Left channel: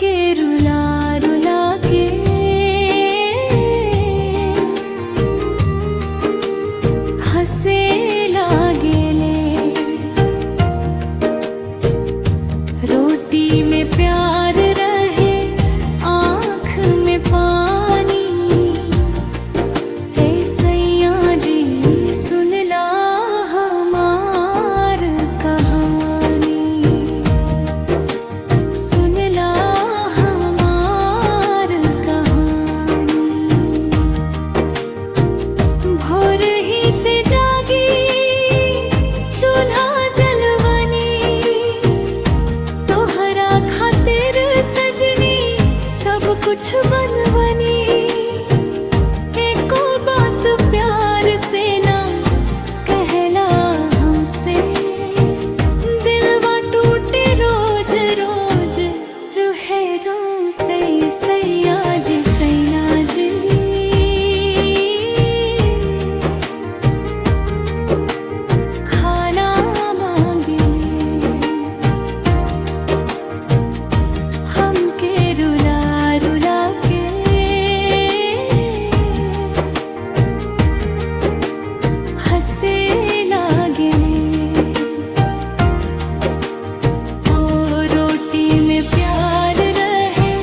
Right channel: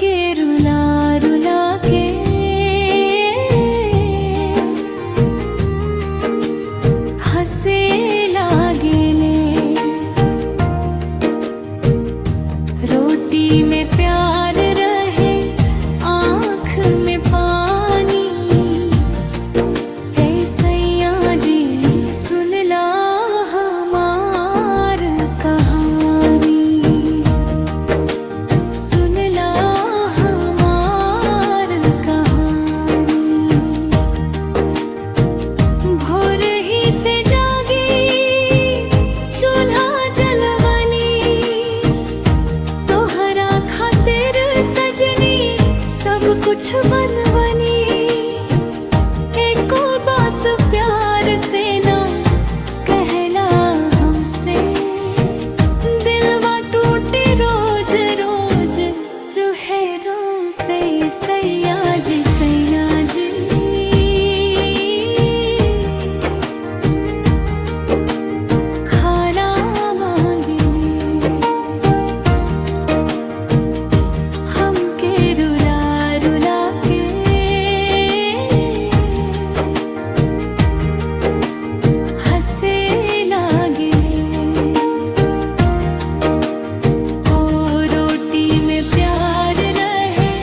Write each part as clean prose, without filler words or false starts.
हमके रुला रुला के हंसे लागेले। रोटी में प्यार रहे, आँख में पानी। हे सैया जी सुनला हमार कहानी, सुनला हमार कहानी। भोर ही से जागी चूल्हा जलवनी, तोहरा खातिर सजनी सब कुछ बनवनी। एको बात प्यार से ना कहला हमसे, दिलवा टूटे रोज रोज रुहे रो से। सैया जी सैया जी खाना मांगले, हमके रुला रुला के हंसे लागले। ओ रोटी में प्यार रहे,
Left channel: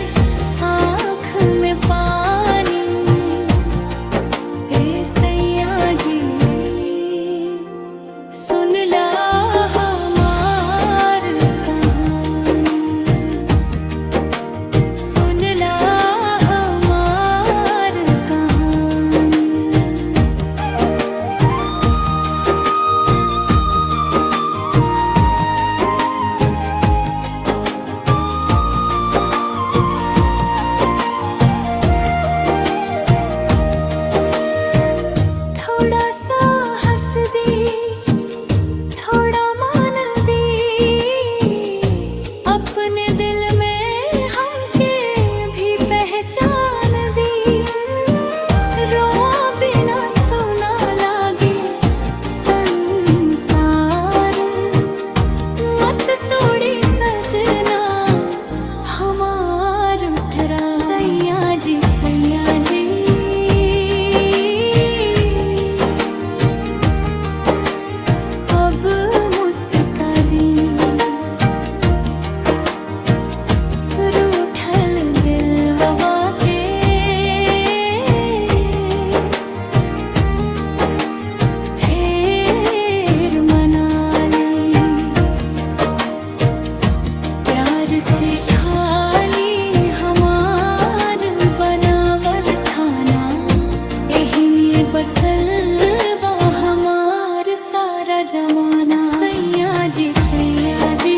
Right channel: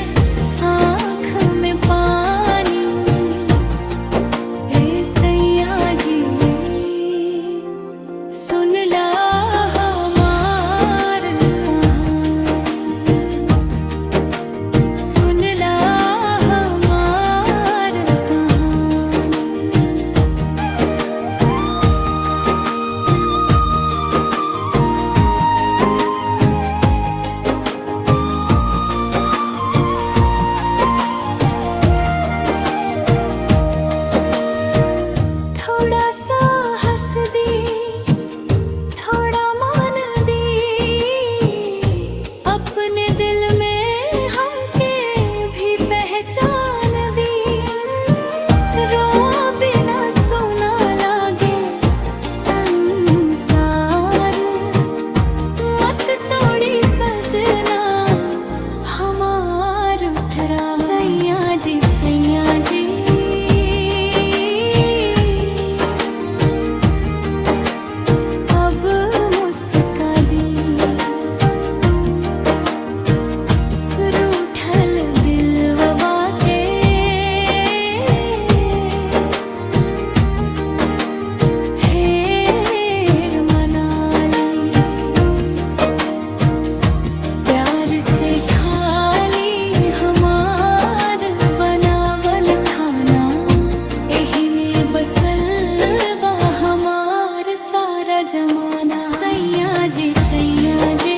आँख में पानी। हे सैया जी सुनला हमार कहानी, सुनला हमार कहानी। थोड़ा सा हंस दी, थोड़ा मान दी, अपने दिल में हमके भी पहचान दी। रोआ बिना सोना लागे संसार, मत तोड़ी सजना हमार उठरा। सैया जी सैया जी अब मुस्का दी, रूठल दिलवा के फेर मना ली। प्यार से खाली हमार बनावल खाना, एही में बसल बा हमार सारा जमाना। सैया जी सैया जी